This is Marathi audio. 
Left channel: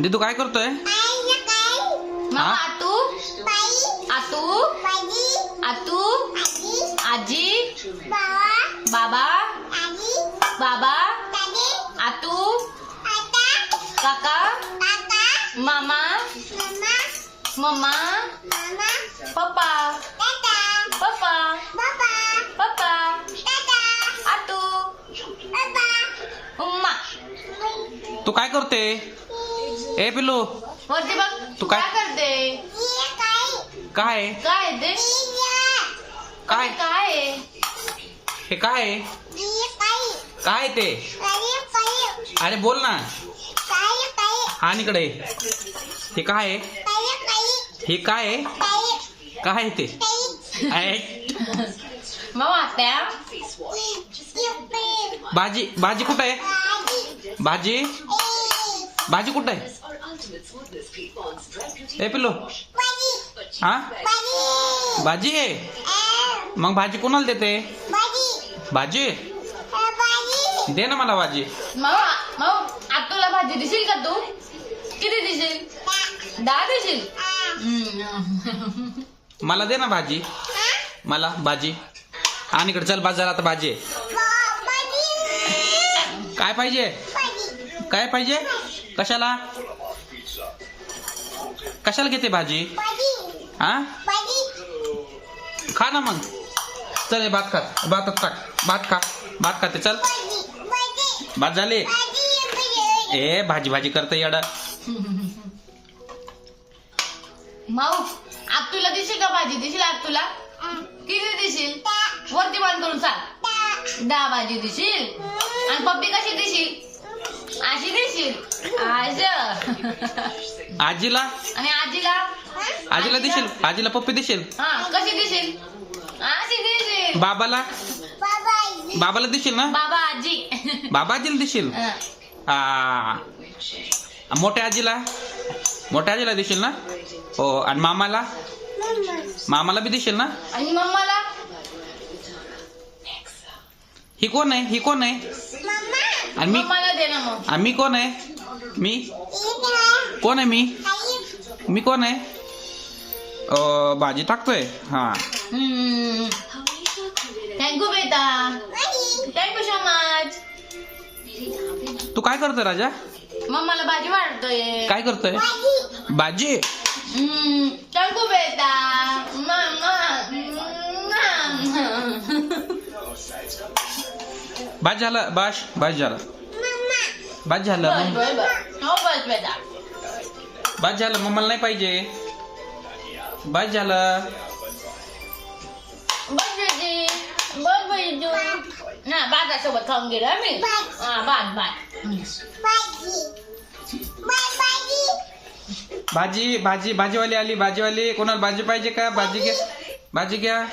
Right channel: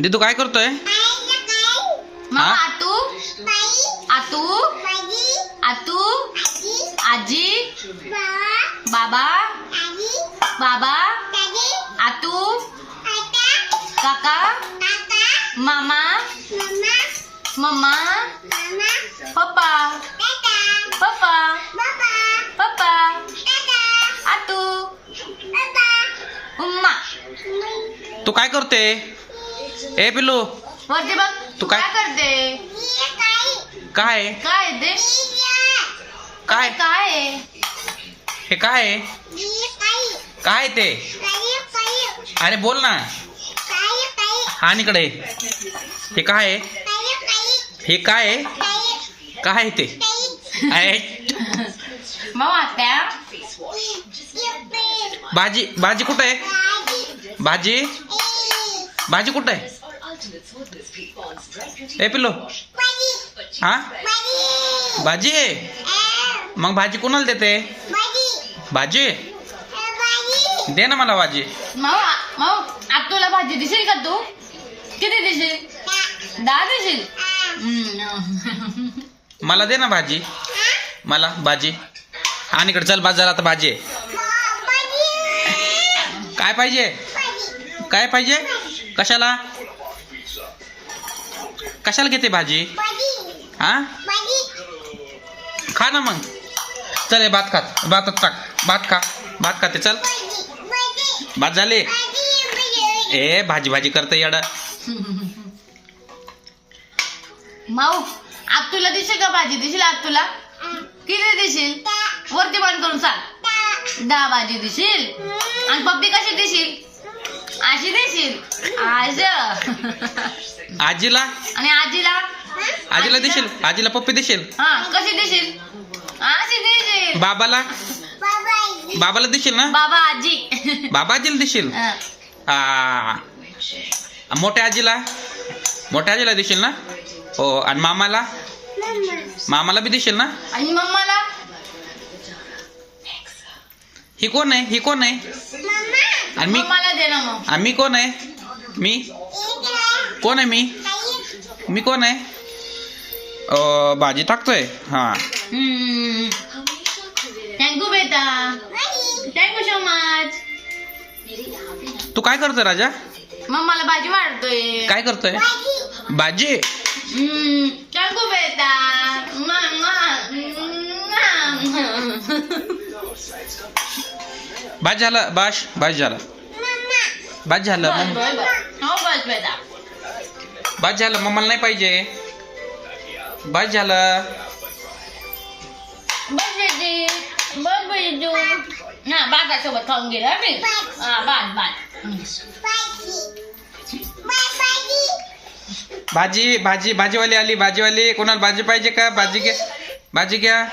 दिदू काय करतोय? मग आतू आतू आतू आजी बाबा बाबा आतू काका मामा मम्मा पप्पा पप्पा पप्पा आतू उम्मा. तू काय करते? ए पिल्लू वरती बघ. तू काय करते? काय काय ते काय काय हे काय काय ते? अरे बोल ना. हा इकडे. हे काय हे काय काय ते? मग आत्या भाजी भाजी कुठं आहे? भाजी भाजी कुठं आहे? ए पिल्लू हा भाजी आहे. मग भाजी कोणाला देते? भाजी दे ना मला भाजी. मग आतूला भाजी दिसेल का तू? किती दिसेल? 10 दिसेल. मला दे ना भाजी. मला भाजी. आणि इकडे चल बाजारात आता भाजी आहे. काय पाहिजे? काय पाहिजे? कशाला कशाला घेते भाजी? हा खा ना मग. चल हे भात खात भातात टाक. भात खा. भात खाते चल. भात झाले. ए भाजी भाजी करते येडा. माऊ आतूला दिसेल का भाजी? दिसेल आतूला? किती दिसेल? वरती बंद करून सांग. 10 भाजी दिसेल. आणि पप्पी कशी दिसेल? अशी दिसेल. आजीला आणि आजीला? आजीला दिसेल. आजीला पप्पी दिसेल. हा कशी दिसेल? अशी दिसेल. बाबाला बाबाला दिसेल ना. बाबा आजी. बाबा आजीला दिसेल. मोठ्या आजीला मोठ्या आजीला दिसेल ना. हो आणि मामाला मामाला बी दिसेल ना. आणि मम्माला? ही कोण आहे? ही कोण आहे? आणि मी मम्माला दे ना मग. आणि मी कोण आहे? मी कोण आहे? मी कोण आहे? भाजी टाकतोय. हा थँक्यू बेटा. Thank you so much. तू काय करतोय राजा? मम्माला भाजी वाढतोय. काय करतोय? भाजी. थँक्यू बेटा. भाजी झालं. भाजी झालं. भाजी झालं. हो बस बेटा. भाजी झालं. मम्माला नाही पाहिजे. भाजी झालं. बस बेटी. बस बेटू. हा भातासोबत खाऊन गेलं मी. हा भात भाजी भाजी भाजीवाली आली. भाजीवाली कोणाला भाजी पाहिजे का? भाजी घ्या. भाजी घ्या.